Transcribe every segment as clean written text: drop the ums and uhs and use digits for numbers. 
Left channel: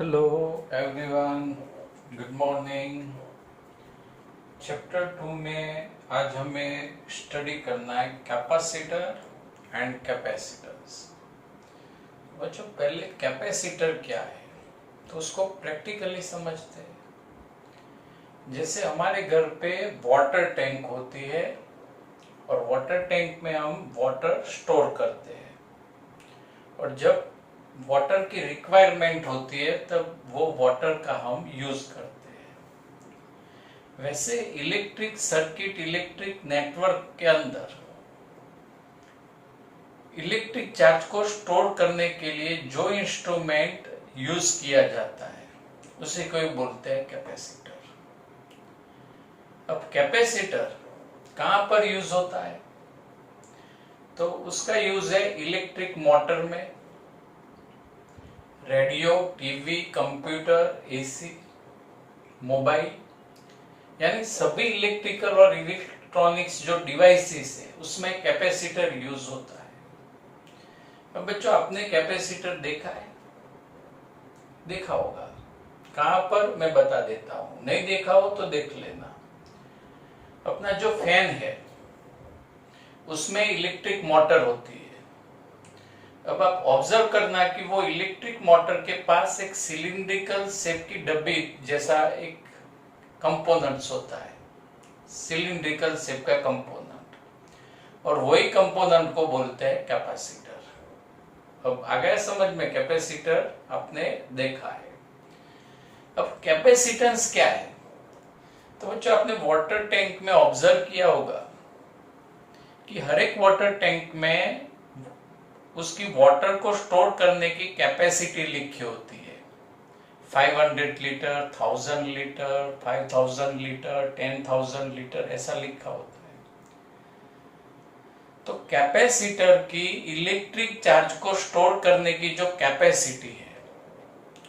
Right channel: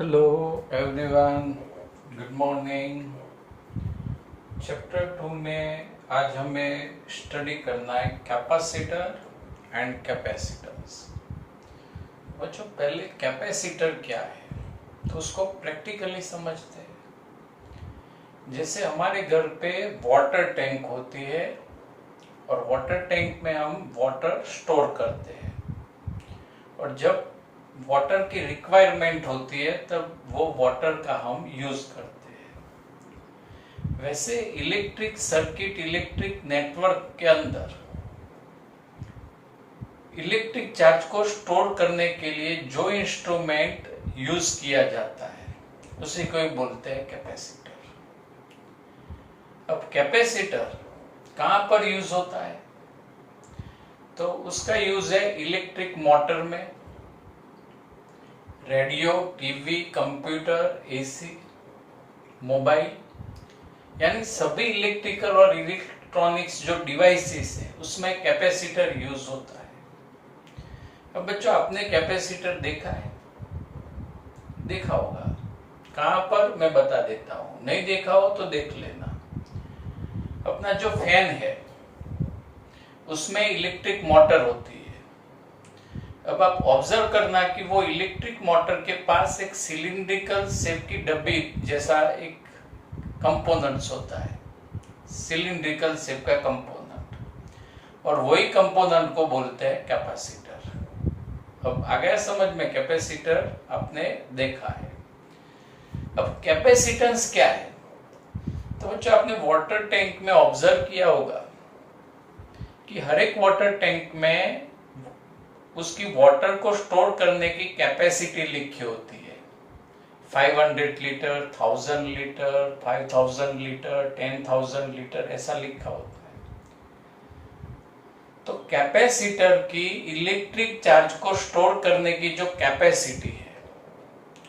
Hello everyone, good morning. Chapter 2 में आज हमें स्टडी करना है कैपेसिटर एंड कैपेसिटेंस। बच्चों, पहले कैपेसिटर क्या है तो उसको प्रैक्टिकली समझते हैं। जैसे हमारे घर पे वाटर टैंक होती है और वाटर टैंक में हम वाटर स्टोर करते हैं, और जब वाटर की रिक्वायरमेंट होती है तब वो वाटर का हम यूज करते हैं। वैसे इलेक्ट्रिक सर्किट, इलेक्ट्रिक नेटवर्क के अंदर इलेक्ट्रिक चार्ज को स्टोर करने के लिए जो इंस्ट्रूमेंट यूज किया जाता है उसी को ही बोलते हैं कैपेसिटर। अब कैपेसिटर कहां पर यूज होता है? तो उसका यूज है इलेक्ट्रिक मोटर में, radio, TV, computer, AC, mobile, यानी सभी इलेक्ट्रिकल और इलेक्ट्रॉनिक्स जो डिवाइसेस है उसमें कैपेसिटर यूज होता है। अब बच्चों, आपने कैपेसिटर देखा है? देखा होगा। कहां पर मैं बता देता हूं, नहीं देखा हो तो देख लेना। अपना जो फैन है उसमें इलेक्ट्रिक मोटर होती है। अब आप ऑब्जर्व करना कि वो इलेक्ट्रिक मोटर के पास एक सिलिंड्रिकल शेप की डब्बी जैसा एक कंपोनेंट्स होता है, सिलिंड्रिकल शेप का कंपोनेंट, और वही कंपोनेंट को बोलते हैं कैपेसिटर। अब आ गया समझ में? कैपेसिटर आपने देखा है। अब कैपेसिटेंस क्या है? तो बच्चों, आपने वाटर टैंक में ऑब्जर्व किया होगा कि हर एक वाटर टैंक में उसकी वाटर को स्टोर करने की कैपेसिटी लिखी होती है। 500 लीटर, 1000 लीटर, 5000 लीटर, 10,000 लीटर, ऐसा लिखा होता है। तो कैपेसिटर की इलेक्ट्रिक चार्ज को स्टोर करने की जो कैपेसिटी है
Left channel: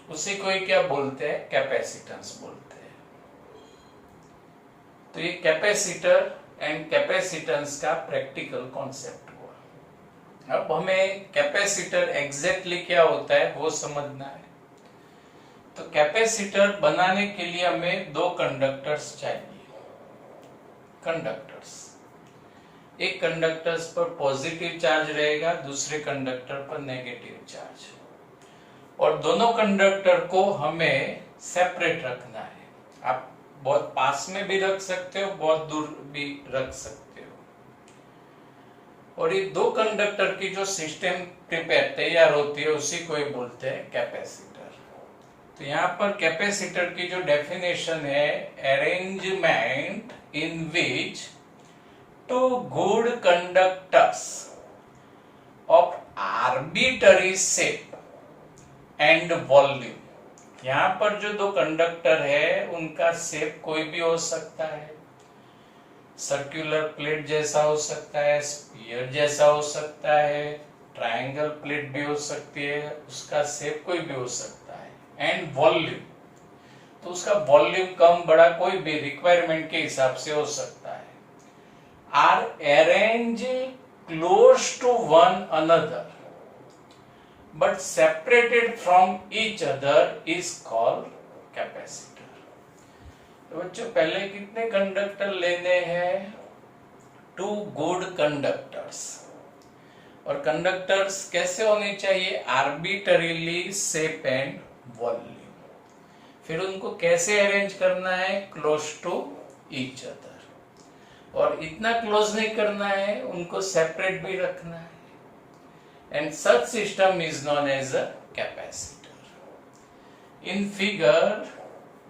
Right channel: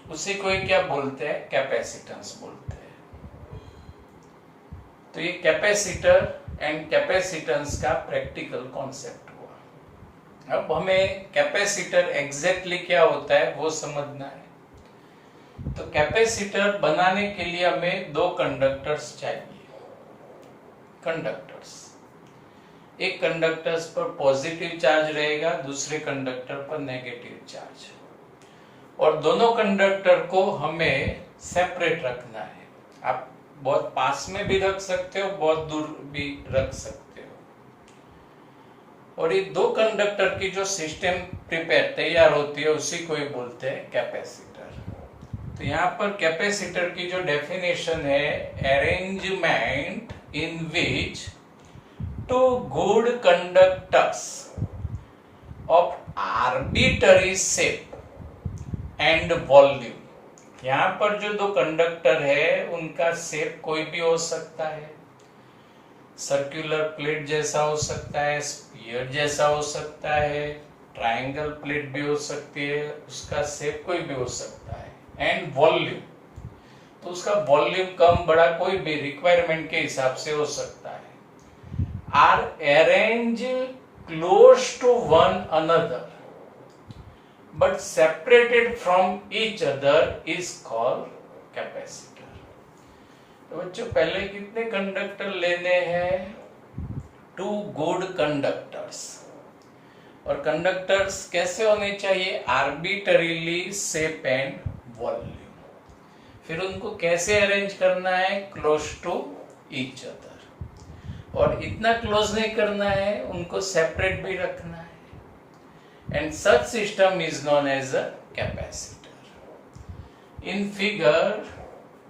उसी को ही क्या बोलते हैं? कैपेसिटेंस बोलते हैं। तो ये कैपेसिटर एंड कैपेसिटेंस का प्रैक्टिकल कॉन्सेप्ट। अब हमें कैपेसिटर एग्जैक्टली क्या होता है वो समझना है। तो कैपेसिटर बनाने के लिए हमें दो कंडक्टर्स चाहिए। कंडक्टर्स, एक कंडक्टर्स पर पॉजिटिव चार्ज रहेगा, दूसरे कंडक्टर पर नेगेटिव चार्ज, और दोनों कंडक्टर को हमें सेपरेट रखना है। आप बहुत पास में भी रख सकते हो, बहुत दूर भी रख सकते हो। और ये दो कंडक्टर की जो सिस्टम प्रिपेयर तैयार होती है उसी को ही बोलते हैं कैपेसिटर। तो यहाँ पर कैपेसिटर की जो डेफिनेशन है, arrangement in which two good conductors of arbitrary shape and volume. यहाँ पर जो दो कंडक्टर है उनका शेप कोई भी हो सकता है, सर्कुलर प्लेट जैसा हो सकता है, स्फीयर जैसा हो सकता है, ट्रायंगल प्लेट भी हो सकती है, उसका शेप कोई भी हो सकता है। एंड वॉल्यूम, तो उसका वॉल्यूम कम बड़ा कोई भी रिक्वायरमेंट के हिसाब से हो सकता है। Are arrange close to one another but separated from each other is called capacitor. तो बच्चों, पहले कितने कंडक्टर लेने हैं? 2 गुड कंडक्टर्स। और कंडक्टर्स कैसे होने चाहिए? Arbitrarily shape and volume. फिर उनको कैसे अरेंज करना है? Close to each other. और इतना क्लोज नहीं करना है, उनको सेपरेट भी रखना है। And such system is known as a capacitor. In figure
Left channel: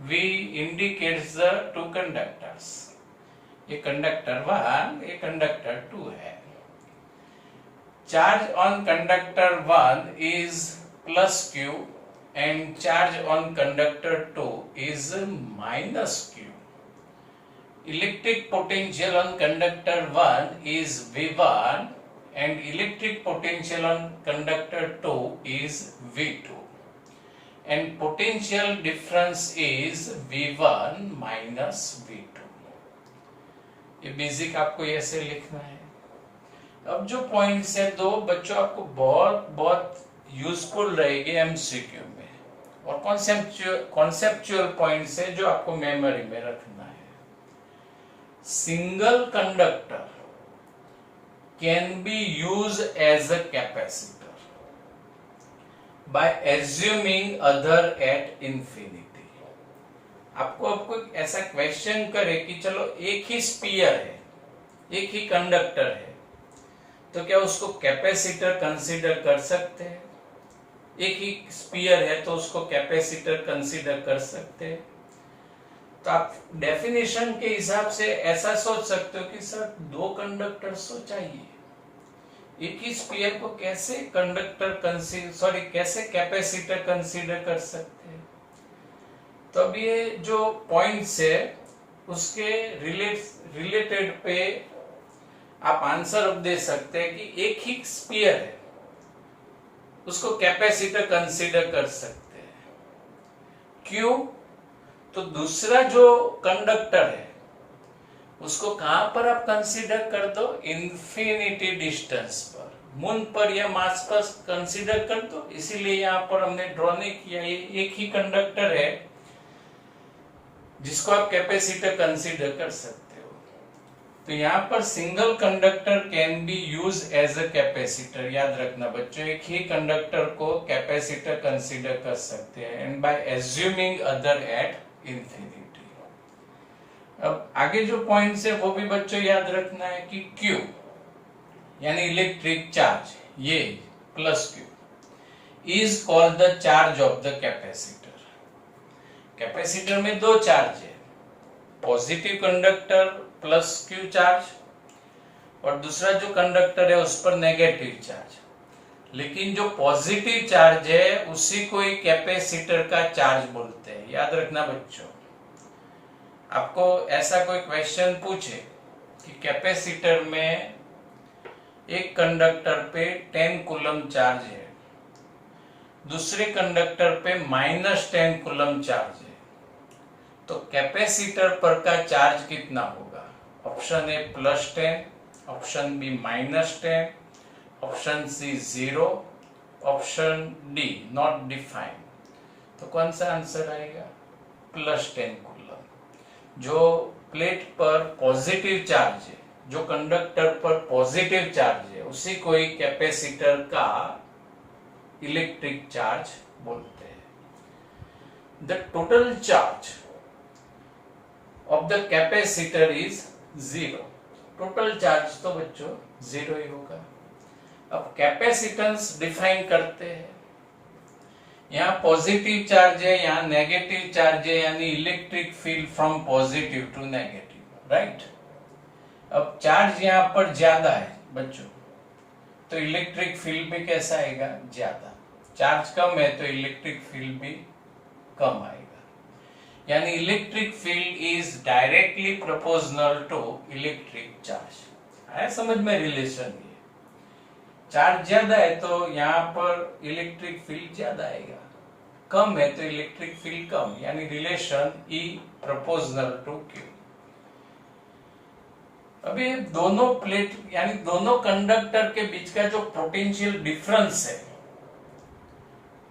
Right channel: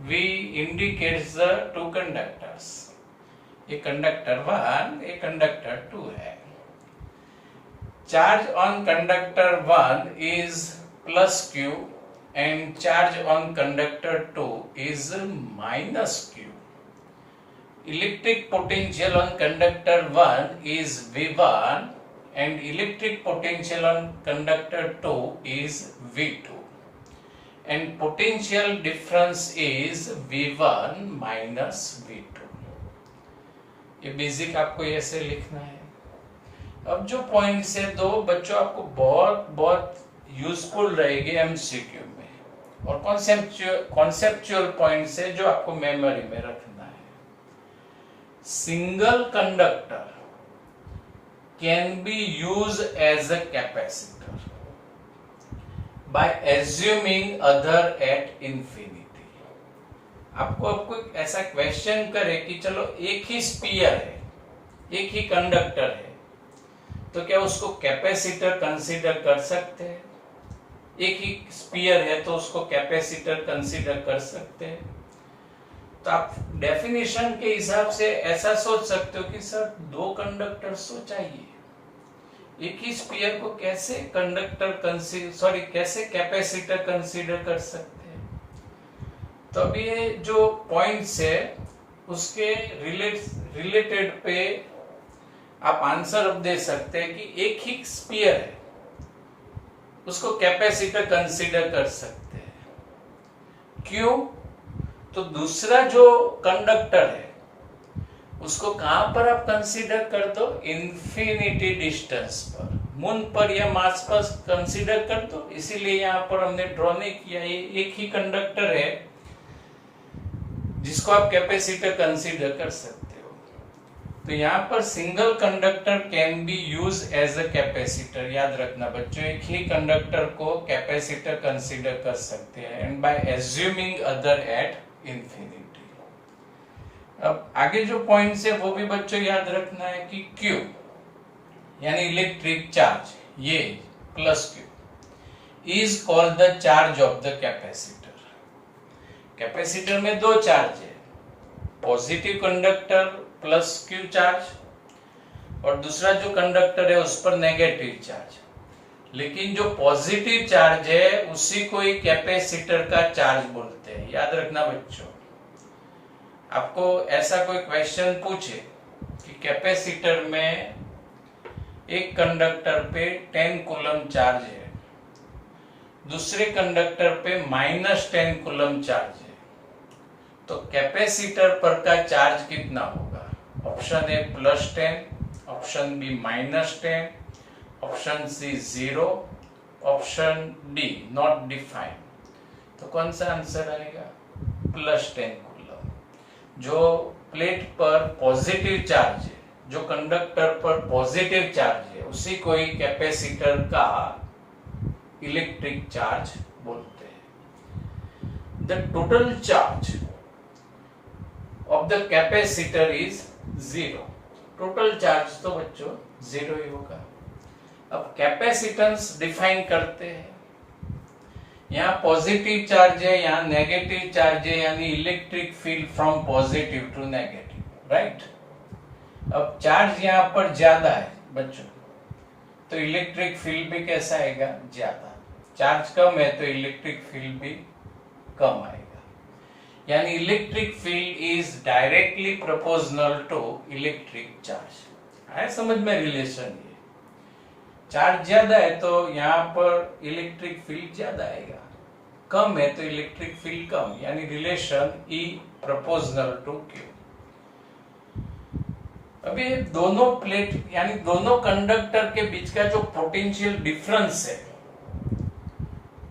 we indicates the two conductors. ये कंडक्टर 1, ये कंडक्टर 2 है। Charge on conductor 1 is plus Q and charge on conductor 2 is minus Q. Electric potential on conductor 1 is V1 and electric potential on conductor 2 is V2. And potential difference is V1 minus V2. ये basic आपको ऐसे लिखना है। अब जो points है दो, बच्चों आपको बहुत बहुत यूजफुल रहेगी एमसीक्यू में। और कॉन्सेप्चुअल पॉइंट से जो आपको मेमोरी में रखना है, single conductor can be use as a capacitor by assuming other at infinity. आपको ऐसा क्वेश्चन करे कि चलो एक ही स्पीयर है, एक ही कंडक्टर है, तो क्या उसको कैपेसिटर कंसीडर कर सकते हैं? एक ही स्पीयर है तो उसको कैपेसिटर कंसीडर कर सकते हैं? तो आप डेफिनेशन के हिसाब से ऐसा सोच सकते हो कि सर दो कंडक्टर्स तो चाहिए, एक ही स्पीयर को कैसे कैसे कैपेसिटर कंसीडर कर सकते हैं? तो अब ये जो पॉइंट्स है उसके रिलेटेड पे आप आंसर अब दे सकते हैं कि एक ही स्पीयर है, उसको कैपेसिटर कंसीडर कर सकते हैं। क्यों? तो दूसरा जो कंडक्टर है उसको कहां पर आप कंसीडर कर दो? इन्फिनिटी डिस्टेंस पर, मून पर या मार्स पर कंसीडर कर दो। इसीलिए यहां पर हमने ड्रॉ नहीं किया, ये एक ही कंडक्टर है जिसको आप कैपेसिटर कंसीडर कर सकते हो। तो यहाँ पर single conductor can be use as a capacitor. याद रखना बच्चों, एक ही कंडक्टर को कैपेसिटर कंसीडर कर सकते हैं and by assuming other at infinity. अब आगे जो पॉइंट्स है वो भी बच्चों याद रखना है कि Q यानी इलेक्ट्रिक चार्ज, ये plus Q is called the charge of the capacitor. Capacitor में दो चार्ज है, positive conductor plus Q charge और दूसरा जो कंडक्टर है उस पर नेगेटिव चार्ज। लेकिन जो पॉजिटिव चार्ज है उसी को ही कैपेसिटर का चार्ज बोलते हैं। याद रखना बच्चों, आपको ऐसा कोई क्वेश्चन पूछे कि कैपेसिटर में एक कंडक्टर पे 10 कूलम चार्ज है, दूसरे कंडक्टर पे -10 कूलम चार्ज है, तो कैपेसिटर पर का चार्ज कितना होगा? Option A +10, option B -10, option C 0, option D not defined. तो कौन सा आंसर आएगा? +10 कूलम। जो प्लेट पर पॉजिटिव चार्ज है, जो कंडक्टर पर पॉजिटिव चार्ज है, उसी को ही कैपेसिटर का इलेक्ट्रिक चार्ज बोलते हैं। The total charge of the capacitor is 0। Total charge तो बच्चों 0 ही होगा। अब कैपेसिटेंस डिफाइन करते हैं। यहाँ पॉजिटिव चार्ज है, यहाँ नेगेटिव चार्ज है, यानी electric field from positive to negative, right. अब चार्ज यहाँ पर ज्यादा है बच्चों, तो इलेक्ट्रिक फील्ड भी कैसा आएगा? ज्यादा। चार्ज कम है तो इलेक्ट्रिक फील्ड भी कम आएगा, यानी electric field is directly proportional to electric charge. आया समझ में रिलेशन? ये चार्ज ज्यादा है तो यहाँ पर इलेक्ट्रिक फील्ड ज्यादा आएगा, कम है तो इलेक्ट्रिक फील्ड कम, यानी relation E proportional to Q। अभी दोनों प्लेट यानी दोनों कंडक्टर के बीच का जो पोटेंशियल डिफरेंस है,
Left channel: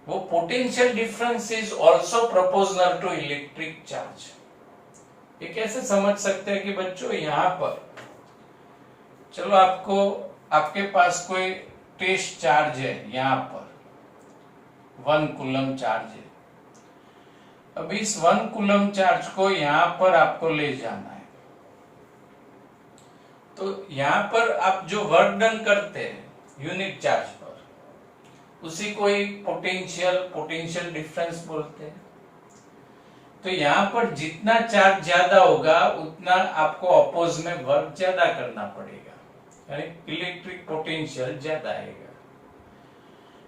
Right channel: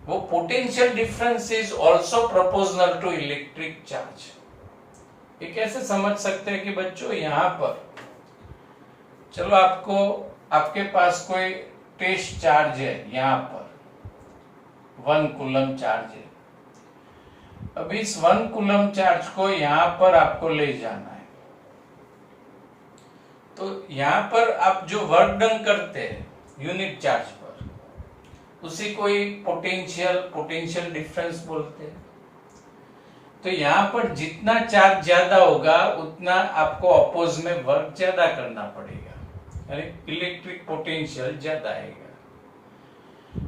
वो potential difference is also proportional to electric charge. ये कैसे समझ सकते हैं कि बच्चों यहाँ पर चलो आपके पास कोई टेस्ट चार्ज है, यहाँ पर 1 कूलम चार्ज है। अब इस 1 कूलम चार्ज को यहाँ पर आपको ले जाना है, तो यहाँ पर आप जो वर्क डन करते हैं यूनिट चार्ज पर, उसी को ही पोटेंशियल डिफरेंस बोलते हैं। तो यहाँ पर जितना चार्ज ज्यादा होगा उतना आपको अपोज में वर्क ज्यादा करना पड़ेगा, यानी इलेक्ट्रिक पोटेंशियल ज्यादा आएगा।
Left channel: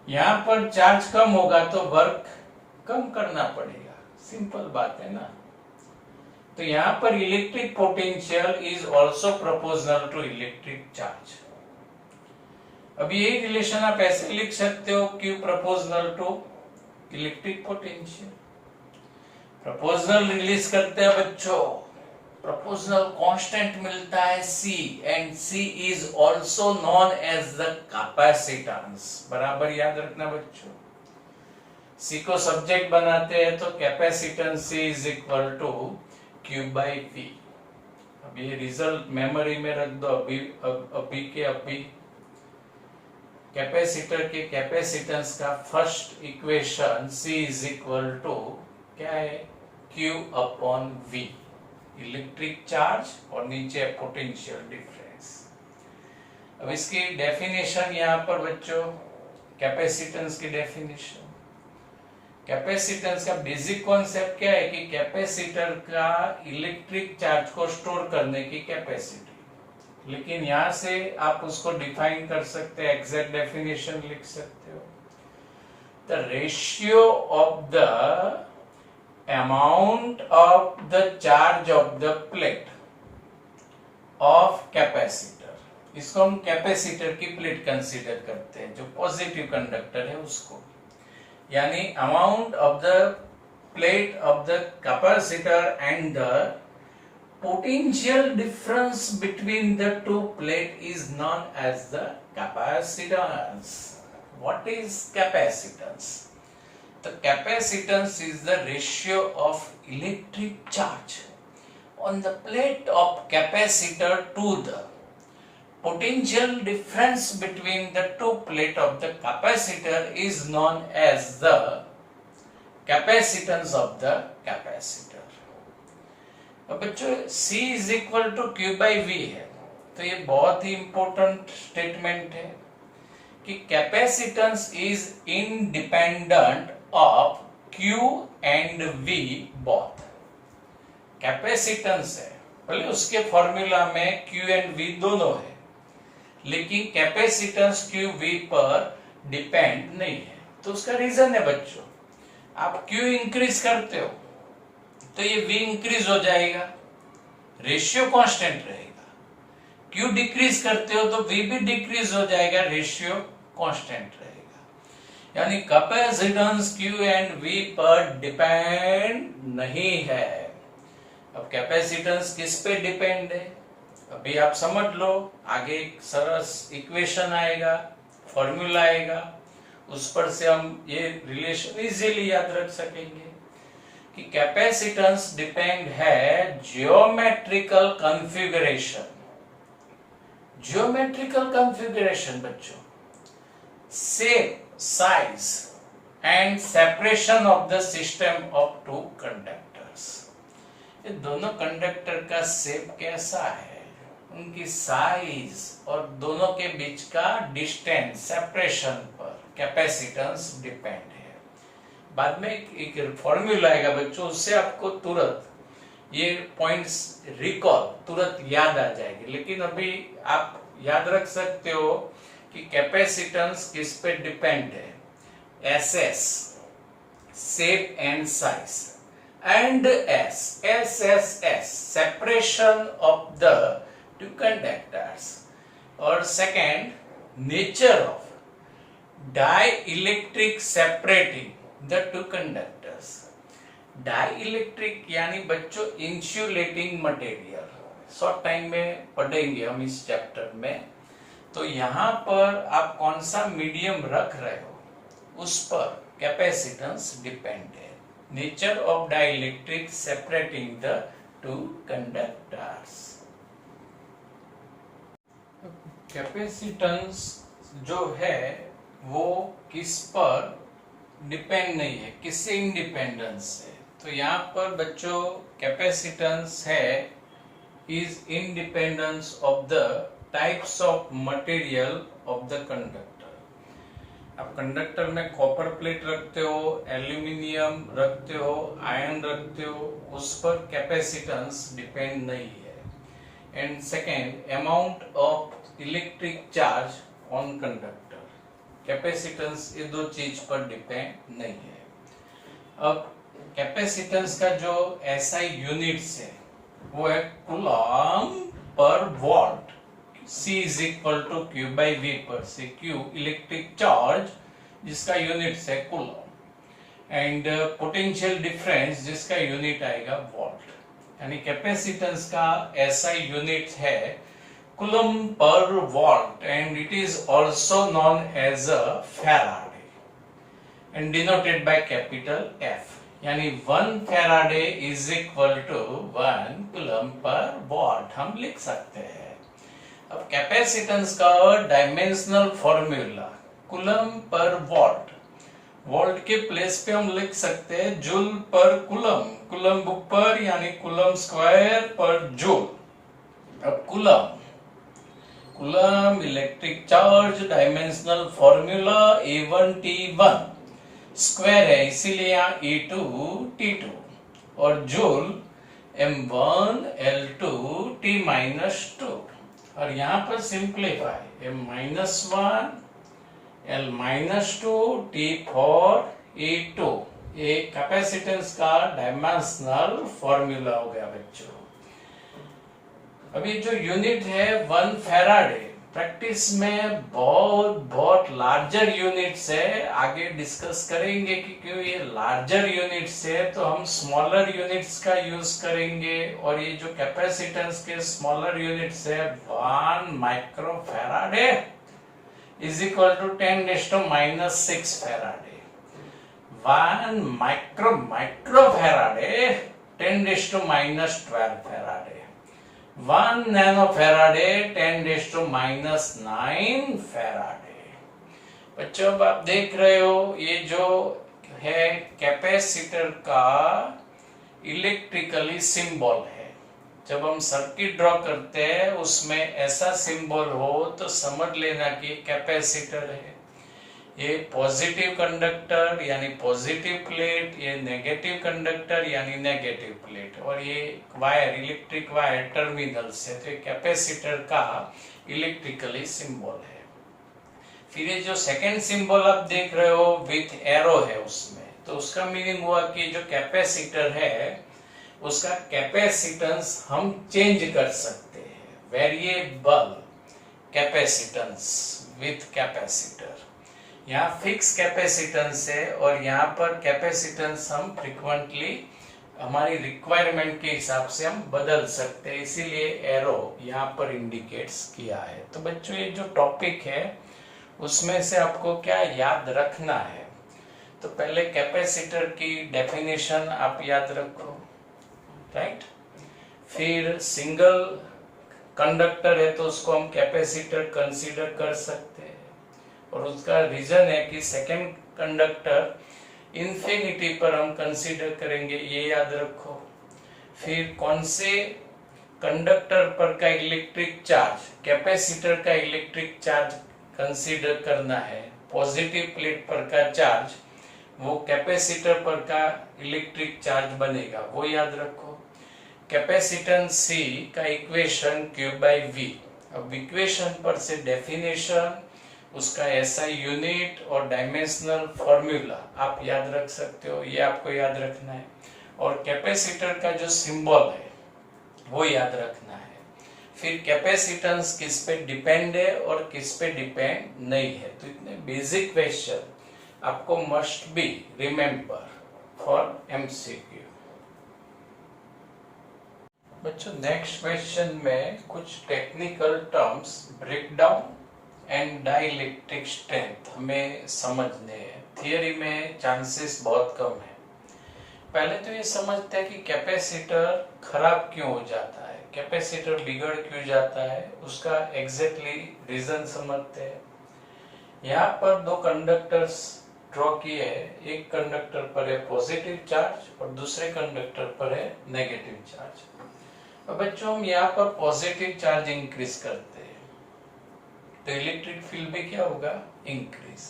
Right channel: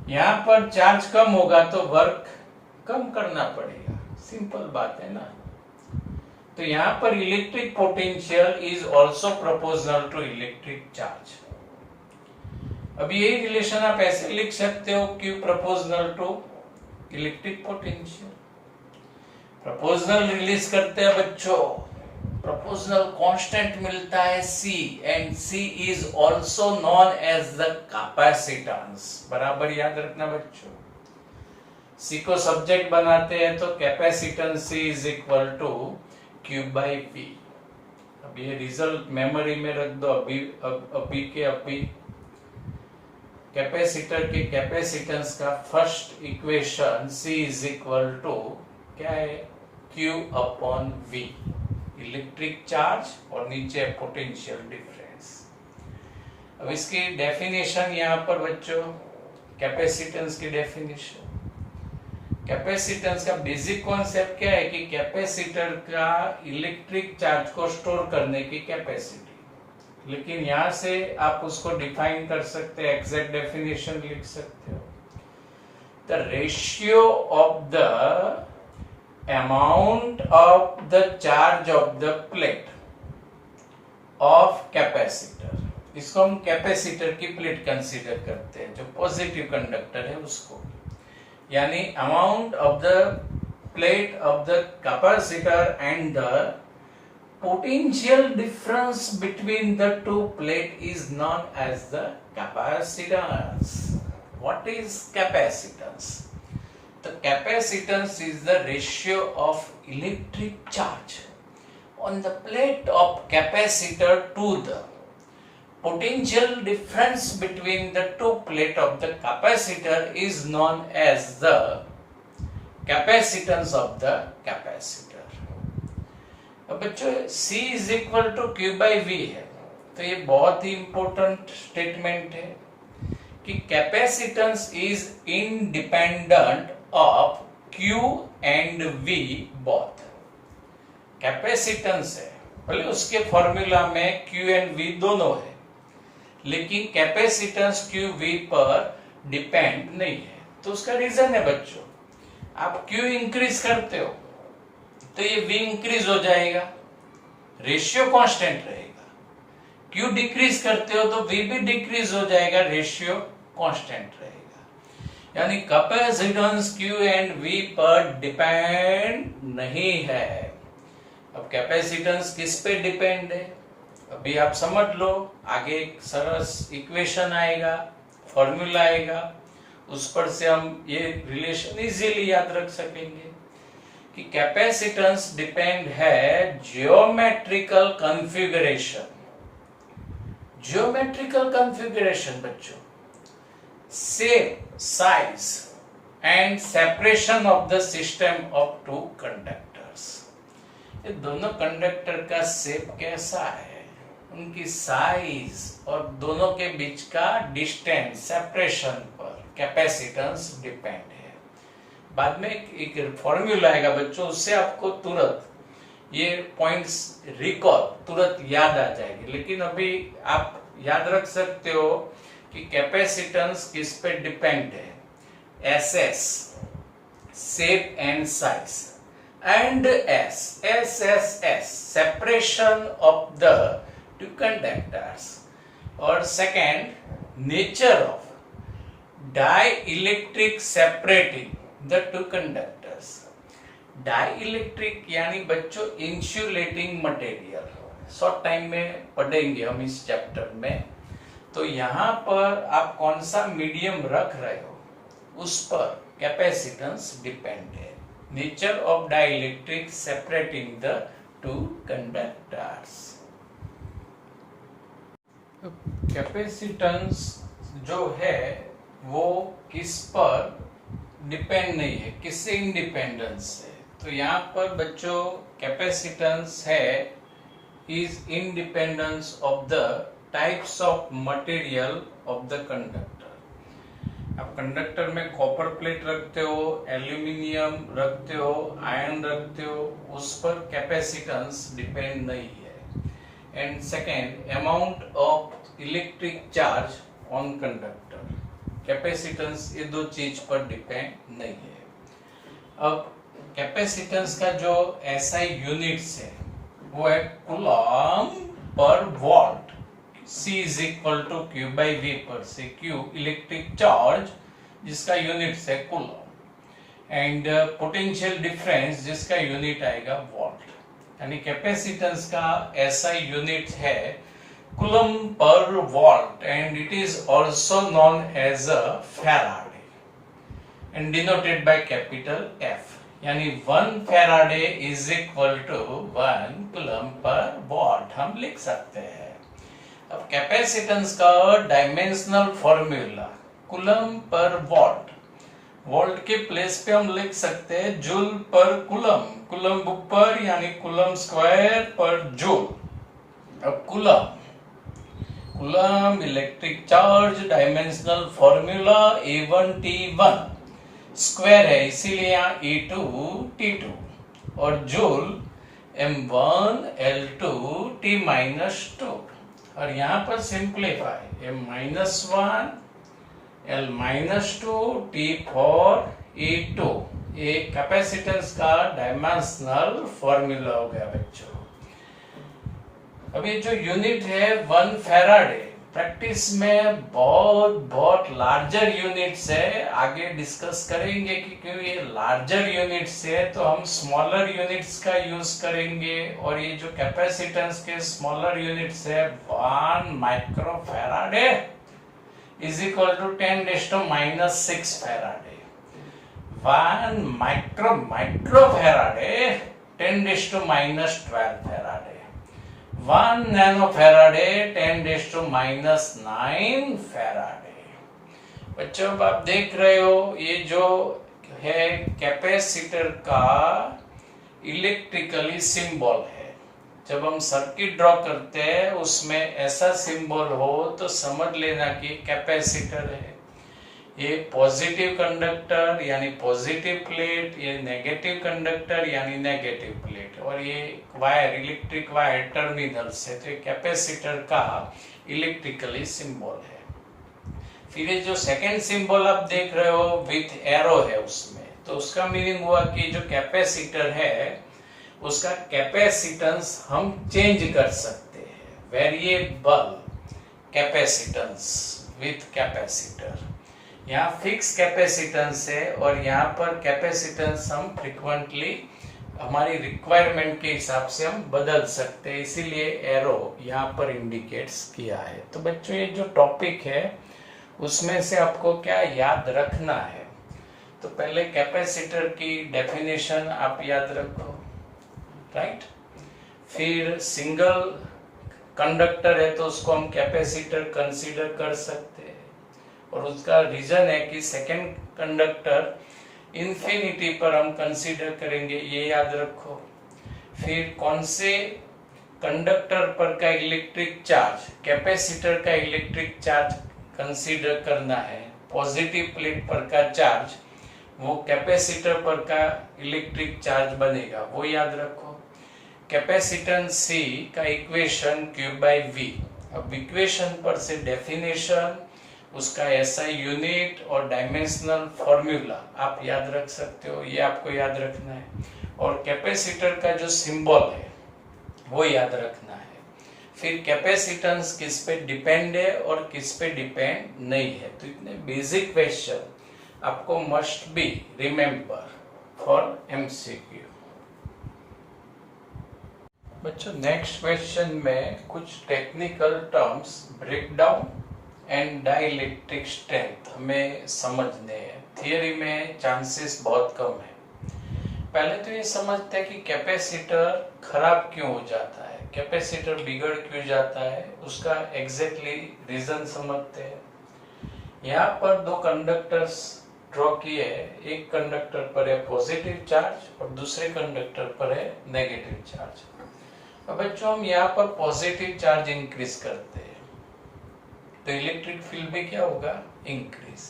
यहाँ पर चार्ज कम होगा तो वर्क कम करना पड़ेगा, सिंपल बात है ना। तो यहाँ पर electric potential is also proportional to electric charge. अब यही रिलेशन आप ऐसे लिख सकते हो, Q proportional to electric potential. Proportional release करते हैं बच्चों, प्रोपोर्शनल कांस्टेंट मिलता है C, and C is also known as the capacitance. बराबर याद रखना बच्चों, सी को सब्जेक्ट बनाते हैं तो capacitance C is equal to Q by P। अब ये रिजल्ट मेमोरी में रख दो अभी के अभी। कैपेसिटर के कैपेसिटेंस का first equation C is equal to क्या है, Q upon V, electric charge और नीचे पोटेंशियल डिफरेंस। अब इसकी डेफिनेशन यहाँ पर बच्चों, कैपेसिटेंस की डेफिनेशन, कैपेसिटेंस का बेसिक कॉन्सेप्ट क्या है कि कैपेसिटर का इलेक्ट्रिक चार्ज को स्टोर करने की कैपेसिटी। लेकिन यहां से आप उसको डिफाइन कर सकते हैं, एग्जैक्ट डेफिनेशन लिख सकते हो, the ratio of the amount of the charge of the plate of capacitor. इसको हम कैपेसिटर की प्लेट कंसीडर करते हैं, जो पॉजिटिव कंडक्टर है उसको, यानी amount of the plate of the capacitor and the potential difference between the two plate is known as the capacitance. What is capacitance? The capacitance is the ratio of electric charge on the plate of capacitor to the potential difference between the two plate of the capacitor is known as the capacitance of the capacitor. अब बच्चों C is equal to Q by V है, तो ये बहुत ही important statement है कि capacitance is independent of Q and V both. Capacitance है, बोले उसके फॉर्मूला में Q एंड V दोनों है, लेकिन कैपेसिटेंस Q V पर डिपेंड नहीं है। तो उसका रीजन है बच्चों, आप Q इंक्रीज करते हो तो ये V इंक्रीज हो जाएगा, रेशियो कांस्टेंट रहेगा। Q डिक्रीज करते हो तो V भी डिक्रीज हो जाएगा, रेशियो कांस्टेंट रहेगा। यानी कैपेसिटेंस Q एंड V पर डिपेंड नहीं है। अब कैपेसिटेंस किस पे डिपेंड है, अभी आप समझ लो, आगे एक सरस इक्वेशन आएगा, फॉर्मूला आएगा, उस पर से हम ये रिलेशन इजीली याद रख सकेंगे कि कैपेसिटेंस डिपेंड है जियोमेट्रिकल कॉन्फ़िगरेशन। जियोमेट्रिकल कॉन्फ़िगरेशन बच्चों, shape, size and separation of the system of two conductors. ये दोनों कंडक्टर का शेप कैसा है, उनकी साइज और दोनों के बीच का डिस्टेंस, सेपरेशन पर कैपेसिटेंस डिपेंड है। बाद में एक फॉर्मूला आएगा बच्चों, उससे आपको तुरंत ये पॉइंट्स रिकॉल तुरंत याद आ जाएगी। लेकिन अभी आप याद रख सकते हो कि कैपेसिटेंस किस पे डिपेंड है, SS shape and size, and SSS separation of the two conductors, और second nature of dielectric separating the two conductors. Dielectric यानी बच्चों इंसुलेटिंग मटेरियल, शॉर्ट टाइम में पढ़ेंगे हम इस चैप्टर में। तो यहाँ पर आप कौन सा मीडियम रख रहे हो उस पर कैपेसिटेंस डिपेंड है। Nature of dielectric separating the two conductors. Capacitance जो है वो किस पर डिपेंड नहीं है, किससे इंडिपेंडेंस है। तो यहाँ पर बच्चों कैपेसिटेंस है is independence of the types of material of the conductor. आप कंडक्टर में कॉपर प्लेट रखते हो, एल्यूमिनियम रखते हो, आयरन रखते हो, उस पर कैपेसिटेंस डिपेंड नहीं है। And second, amount of electric charge on conductor, capacitance ये दो चीज पर डिपेंड नहीं है। अब कैपेसिटेंस का जो SI यूनिट्स है वो है coulomb per volt. C is equal to Q by V पर से Q इलेक्ट्रिक चार्ज जिसका यूनिट है कूलम, एंड पोटेंशियल डिफरेंस जिसका यूनिट आएगा वॉल्ट। यानी कैपेसिटेंस का SI यूनिट है Coulomb per watt and it is also known as a Faraday. And denoted by capital F, यानी 1 Faraday is equal to 1 coulomb per watt हम लिख सकते हैं। अब कैपेसिटेंस का dimensional formula coulomb per watt, volt के place पे हम लिख सकते हैं जूल पर कूलम, कूलम बुक पर यानी कूलम स्क्वायर पर जूल। अब coulomb electric charge dimensional formula A1T1 square है, इसीलिए यहाँ E2 T2 और जूल M1 L2 T-2 और यहाँ पर simplify M-1 L-2 T4 E2, ये कैपेसिटेंस का डायमेंशनल फॉर्मूला हो गया बच्चों। अभी जो यूनिट है 1 फैराडे, प्रैक्टिस में बहुत लार्जर यूनिट्स है, आगे डिस्कस करेंगे कि क्यों ये लार्जर यूनिट्स है तो हम स्मॉलर यूनिट्स का यूज करेंगे। और ये जो कैपेसिटेंस के स्मॉलर यूनिट्स है 1 micro Faraday is equal to 10⁻⁻6 Faraday, 1 micro Faraday 10⁻12 Faraday, 1 nano Faraday 10⁻⁹ Faraday. बच्चों अब आप देख रहे हो ये जो है कैपेसिटर का इलेक्ट्रिकली सिंबल है। जब हम सर्किट ड्रॉ करते हैं उसमें ऐसा सिंबल हो तो समझ लेना कि कैपेसिटर है। ये पॉजिटिव कंडक्टर यानी पॉजिटिव प्लेट, ये नेगेटिव कंडक्टर यानी नेगेटिव प्लेट, और ये वायर इलेक्ट्रिक वायर टर्मिनल से, तो ये कैपेसिटर का इलेक्ट्रिकली सिंबल है। फिर ये जो सेकंड सिंबल आप देख रहे हो विथ एरो है उसमें, तो उसका मीनिंग हुआ कि जो कैपेसिटर है उसका कैपेसिटेंस हम चेंज कर सकते हैं, वेरिएबल कैपेसिटेंस विथ कैपेसिटर। यहाँ फिक्स कैपेसिटेंस है और यहाँ पर कैपेसिटेंस हम फ्रीक्वेंटली हमारी रिक्वायरमेंट के हिसाब से हम बदल सकते हैं, इसीलिए एरो यहाँ पर इंडिकेट्स किया है। तो बच्चों ये जो टॉपिक है उसमें से आपको क्या याद रखना है, तो पहले कैपेसिटर की डेफिनेशन आप याद रखो, राइट। फिर सिंगल कंडक्टर है तो उसको हम कैपेसिटर कंसीडर कर सकते हैं, और उसका रीजन है कि सेकेंड कंडक्टर इंफिनिटी पर हम कंसीडर करेंगे, ये याद रखो। फिर कौन से कंडक्टर पर का इलेक्ट्रिक चार्ज, कैपेसिटर का इलेक्ट्रिक चार्ज कंसीडर करना है, पॉजिटिव प्लेट पर का चार्ज वो कैपेसिटर पर का इलेक्ट्रिक चार्ज बनेगा, वो याद रखो। कैपेसिटेंस C का इक्वेशन Q/V, अब इक्वेशन पर से डेफिनेशन, उसका SI यूनिट और डायमेंशनल फॉर्मूला आप याद रख सकते हो, ये आपको याद रखना है। और कैपेसिटर का जो सिंबल है वो याद रखना है। फिर कैपेसिटेंस किस पे डिपेंड है और किस पे डिपेंड नहीं है, तो इतने बेसिक क्वेश्चन आपको must be remember for MCQ। बच्चों नेक्स्ट क्वेश्चन में कुछ technical terms breakdown and dielectric strength हमें समझने हैं। थियरी में चांसेस बहुत कम है। पहले तो ये समझते हैं कि कैपेसिटर खराब क्यों हो जाता है, कैपेसिटर बिगड़ क्यों जाता है, उसका एग्जैक्टली रीजन समझते हैं। यहाँ पर दो कंडक्टर्स ड्रॉ किए हैं, एक कंडक्टर पर है पॉजिटिव चार्ज और दूसरे कंडक्टर पर है नेगेटिव चार्ज। अब बच्चों हम यहाँ पर पॉजिटिव चार्ज इंक्रीज करते हैं तो इलेक्ट्रिक फील्ड में क्या होगा, इंक्रीज।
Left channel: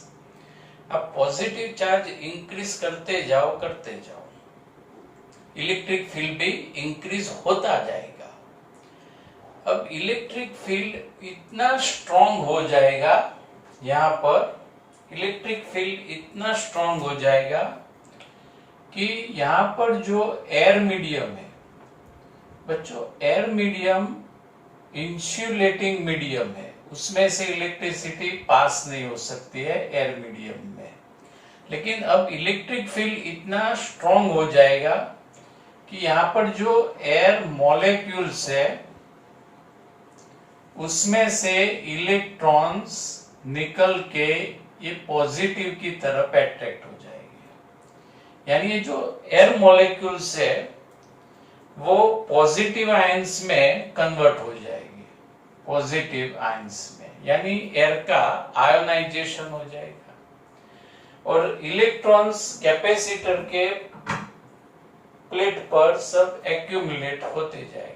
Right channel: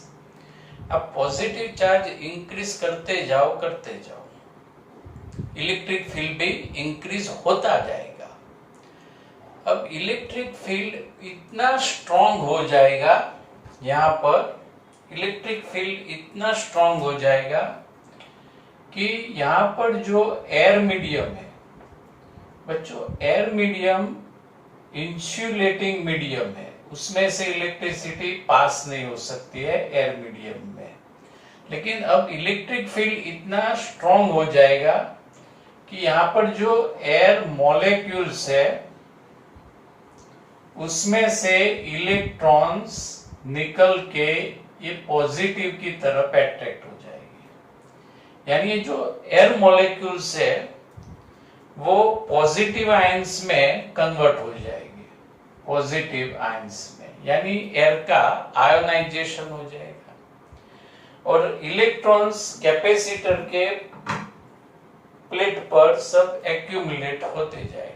अब पॉजिटिव चार्ज इंक्रीज करते जाओ इलेक्ट्रिक फील्ड भी इंक्रीज होता जाएगा। अब इलेक्ट्रिक फील्ड इतना स्ट्रॉन्ग हो जाएगा, यहाँ पर इलेक्ट्रिक फील्ड इतना स्ट्रॉन्ग हो जाएगा कि यहाँ पर जो एयर मीडियम है बच्चों, एयर मीडियम इंसुलेटिंग मीडियम है, उसमें से इलेक्ट्रिसिटी पास नहीं हो सकती है एयर मीडियम में। लेकिन अब इलेक्ट्रिक फील्ड इतना स्ट्रॉन्ग हो जाएगा कि यहाँ पर जो एयर मॉलिक्यूल्स है उसमें से इलेक्ट्रॉन्स निकल के ये पॉजिटिव की तरफ अट्रैक्ट हो जाएगा। यानी ये जो एयर मॉलिक्यूल्स है वो पॉजिटिव आयंस में कन्वर्ट हो जाएगी, पॉजिटिव आयंस में, यानी एयर का आयोनाइजेशन हो जाएगा और इलेक्ट्रॉन्स कैपेसिटर के प्लेट पर सब एक्यूमुलेट होते जाएंगे।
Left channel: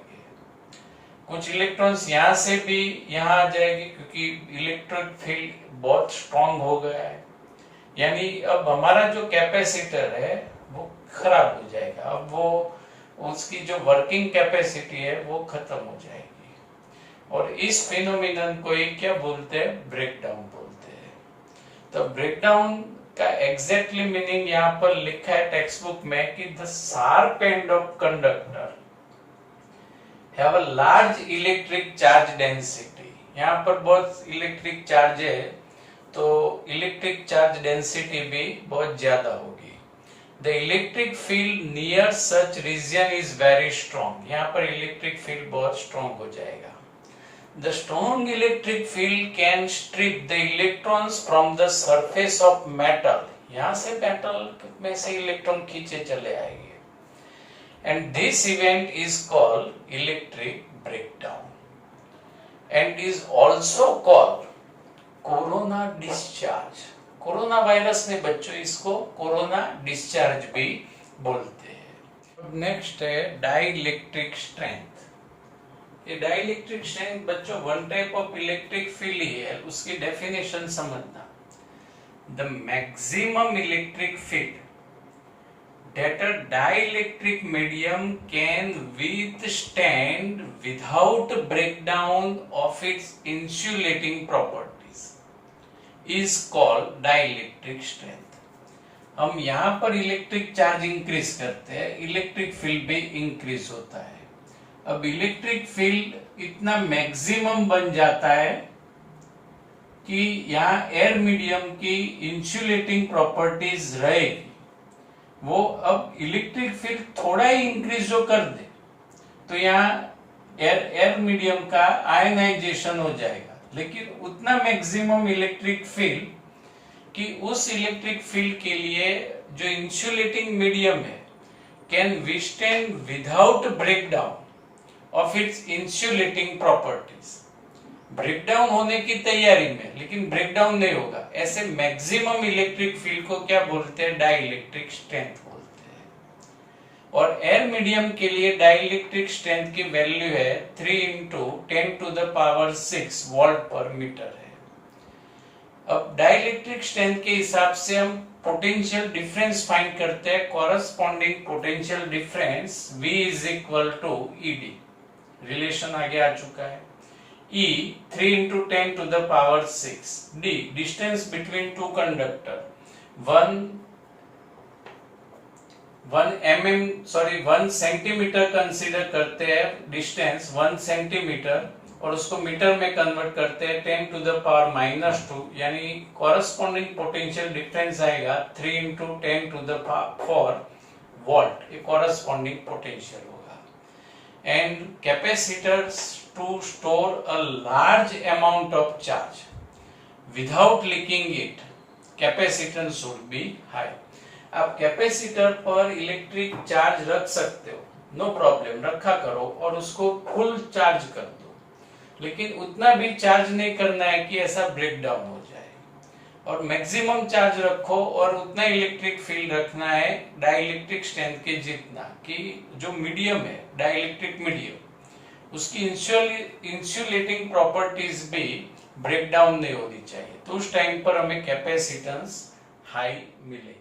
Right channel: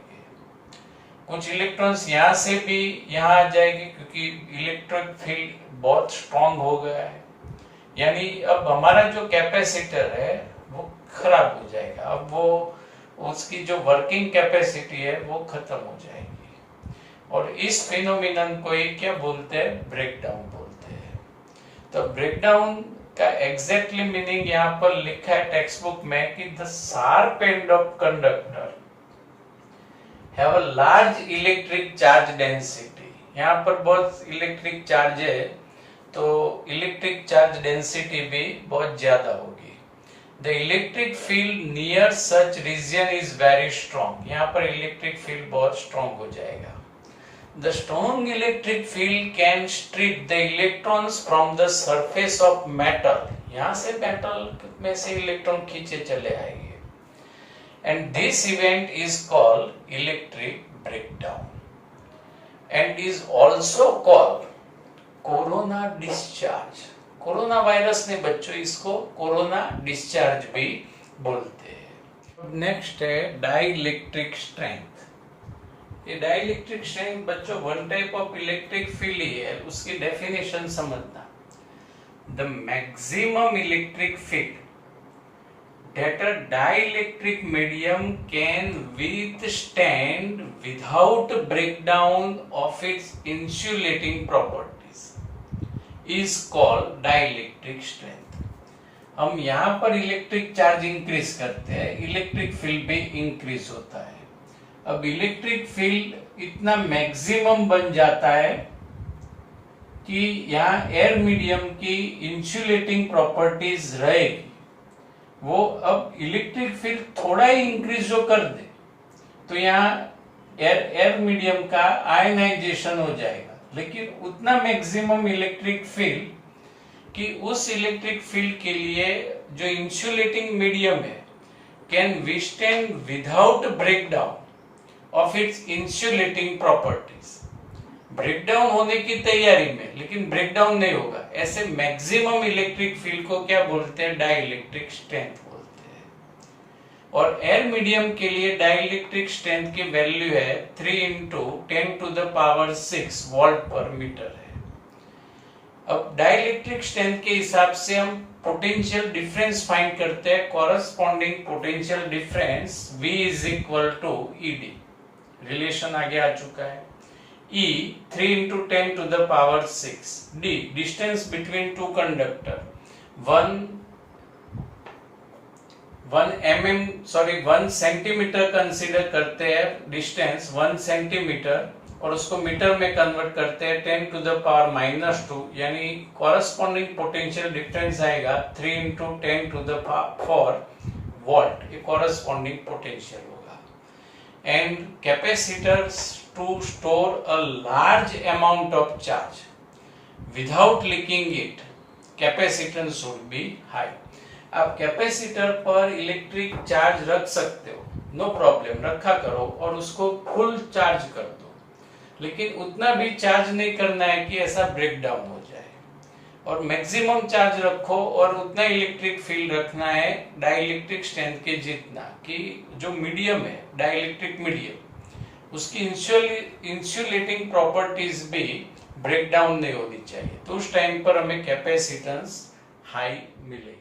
कुछ इलेक्ट्रॉन्स यहां से भी यहां आ जाएंगे क्योंकि इलेक्ट्रिक फील्ड बहुत स्ट्रांग हो गया है, यानी अब हमारा जो कैपेसिटर है वो खराब हो जाएगा, अब वो उसकी जो वर्किंग कैपेसिटी है वो खत्म हो जाएगी और इस फिनोमिनन को ये क्या बोलते हैं, ब्रेकडाउन बोलते हैं। तो ब्रेकडाउन का एग्जैक्टली मीनिंग यहाँ पर लिखा है टेक्स्ट बुक में कि the sharp end of conductor have a large electric charge density. यहाँ पर बहुत इलेक्ट्रिक चार्ज है तो इलेक्ट्रिक चार्ज डेंसिटी भी बहुत ज्यादा होगी। The electric field near such region is very strong. यहाँ पर इलेक्ट्रिक फील्ड बहुत स्ट्रॉन्ग हो जाएगा। The strong electric field can strip the electrons from the surface of metal. यहाँ से metal में से इलेक्ट्रॉन खींचे चले आएंगे। And this event is called electric breakdown and is also called corona discharge. Corona virus ने बच्चों इसको कोरोना डिस्चार्ज भी बोलते हैं। नेक्स्ट है डाइइलेक्ट्रिक स्ट्रेंथ। ये डाइइलेक्ट्रिक स्ट्रेंथ बच्चों one type of electric field ही है, उसकी डेफिनेशन समझना। The maximum electric field that a dielectric medium can withstand without breakdown of its insulating properties is called dielectric strength। हम यहाँ पर इलेक्ट्रिक चार्ज इंक्रीज करते हैं, इलेक्ट्रिक फील्ड भी इंक्रीज होता है। अब इलेक्ट्रिक फील्ड इतना मैक्सिमम बन जाता है कि यहाँ एयर मीडियम की इंसुलेटिंग प्रॉपर्टीज रहेगी, वो अब इलेक्ट्रिक फील्ड थोड़ा ही इंक्रीज जो कर दे तो यहाँ एयर मीडियम का आयनाइजेशन हो जाएगा, लेकिन उतना मैक्सिमम इलेक्ट्रिक फील्ड कि उस इलेक्ट्रिक फील्ड के लिए जो इंसुलेटिंग मीडियम है can withstand without breakdown of its insulating properties. Breakdown होने की तैयारी में लेकिन ब्रेकडाउन नहीं होगा, ऐसे मैक्सिमम इलेक्ट्रिक फील्ड को क्या बोलते हैं, डाइइलेक्ट्रिक स्ट्रेंथ बोलते हैं। और एयर मीडियम के लिए डाइइलेक्ट्रिक स्ट्रेंथ की वैल्यू है 3 into 10⁻⁶ वोल्ट पर मीटर है। अब डाइइलेक्ट्रिक स्ट्रेंथ के हिसाब से हम पोटेंशियल डिफरेंस फाइंड करते हैं। Corresponding potential difference V is equal to ED, relation आगे आ चुका है। E 3 into 10⁻⁶, D distance between two conductor 1 centimetre consider करते हैं, डिस्टेंस 1 सेंटीमीटर और उसको मीटर में कन्वर्ट करते हैं 10⁻⁻², यानी कॉरेस्पॉन्डिंग पोटेंशियल डिफरेंस आएगा 3 into 10⁴ वोल्ट, ये कॉरेस्पॉन्डिंग पोटेंशियल होगा। And capacitors to store a large amount of charge without leaking it, capacitance should be high। आप कैपेसिटर पर इलेक्ट्रिक चार्ज रख सकते हो, नो प्रॉब्लम, रखा करो और उसको फुल चार्ज कर दो, लेकिन उतना भी चार्ज नहीं करना है कि ऐसा ब्रेकडाउन हो जाए। और मैक्सिमम चार्ज रखो और उतना इलेक्ट्रिक फील्ड रखना है डाइइलेक्ट्रिक स्ट्रेंथ के जितना कि जो मीडियम है डाइइलेक्ट्रिक मीडियम उसकी इंसुलेटिंग प्रॉपर्टीज भी ब्रेकडाउन नहीं होनी चाहिए, तो उस टाइम पर हमें कैपेसिटेंस हाई मिलेगी।